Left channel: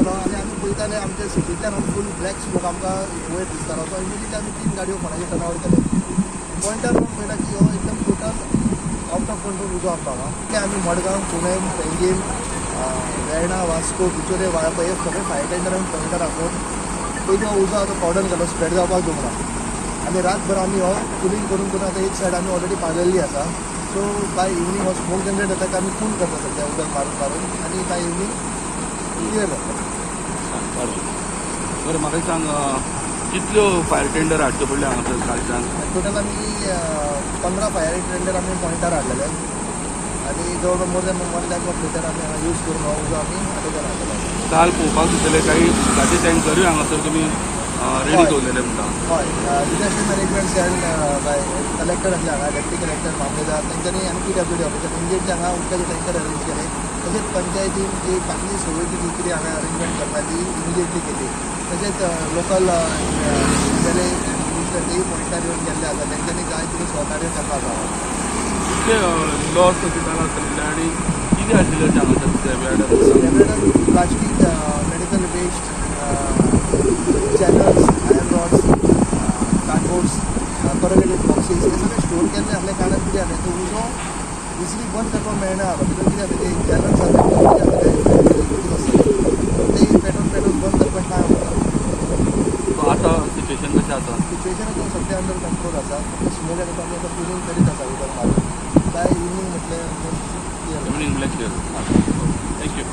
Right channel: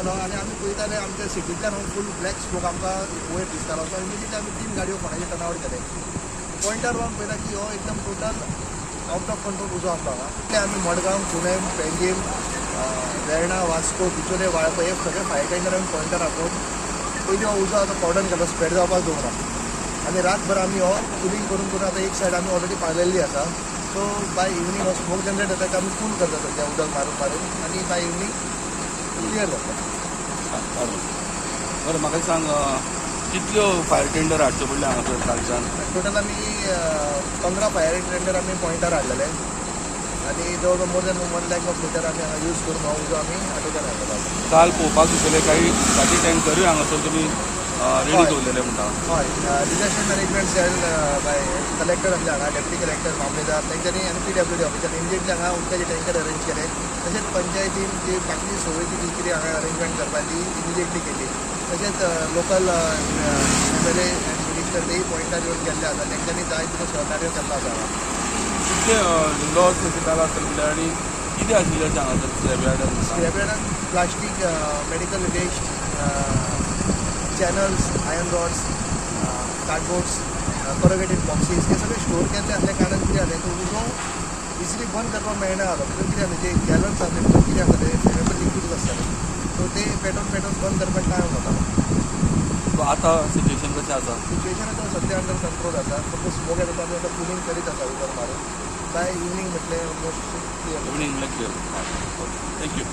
केलो आनी आमी पळयताले आमच्या सिटींतल्यान फूल ब्लॅक स्मोक आमकां वयर दिसतालो. सो इमिडिएटली आमी 3 गाडयो फोंड्याचे टर्न आवट केले. पॉयंटार रावन पळयला की हो एकदम टोटल आउट ऑफ कंट्रोल उजो आमकां हांगा. आमी मडगांव, पुणे, पेंजीम, वेर्णा, वास्को, बिचोले, वाळपय हे सगळे फायर टेंडर आमी पॉयंटार आपोवन पयलीं हो उजो आतां कॉर्डन केलो, स्प्रेड जावपाक दवरा. आनी रातभर आमी हो कुलींग करून करून आतां एक सायड आमी ऑलरेडी पालयल्ली आसा. सो बाय इवनिंग हो स्मोक जनरेट जाता आमी कूल करता सद्या उदक मारून मारून आनी बाय इवनिंग क्लियर जाता. बरं म्हाका सांग कितल्यो फायर टेंडर हाडच्यो पडले हांगा कालच्यान? टोटल आमी 15 फायर टेंडर आमी पॉयंटार हाडलेले आनी जवळ more than 1 lakh of litre आमी हांगा यूज करून हो उजो आमी आटोक्यान हाडलेलो. काल पळोवपाक दिसलें काही उदकाचे टँकरूय हांगासर तुमी रेडी दवरलेले म्हणटा. हय, disaster management cell by collector आसले हांगा, डेप्युटी कलेक्टर मामलेदार तेंच्यांनी आनी PWD ऑफिसार इमिडिएटली हांगा उदकाचे टँकर अरेंज केले. तशेंच पंचायतीन जी बाकी सगळी जी कितें हांगा अरेंजमेंट करपा ती इमिडिएटली केली. तशेंच लोकल MLA मिनिस्टर तेही पॉयंटार येवन गेल्ले आसा, तेंच्यांनी जाय तितलो सहकार्य केल्लो आसा. कितले लॉस हॉस्पिटल आसतले आनी कितें आशिल्लें हांगासर? Plastic, medical waste, channels, iron rods, cardboards, corrugated boxes हे सगळे स्टोर केल्ले असल्या कारणान कितें जालें तो उजो इजिली बंद करपाक मेळना जालो. भितर कितें जालें ते गॅलन्स आसले कितें आसले लिक्वीड आसताले, सो ते पेटोवन बंद करपाक टायम वता. आतां सिच्युएशन कशें आसा? सिच्युएशन आतां सद्या अंडर कंट्रोल आसा. फक्त स्मोक येता आमी आतां कुलींग करीत आसा उदक मारून. बाय इवनिंग म्हटलें ऑलमोस्ट क्लियर. इवनिंग म्हळ्यार क्लियर. थँक्यू.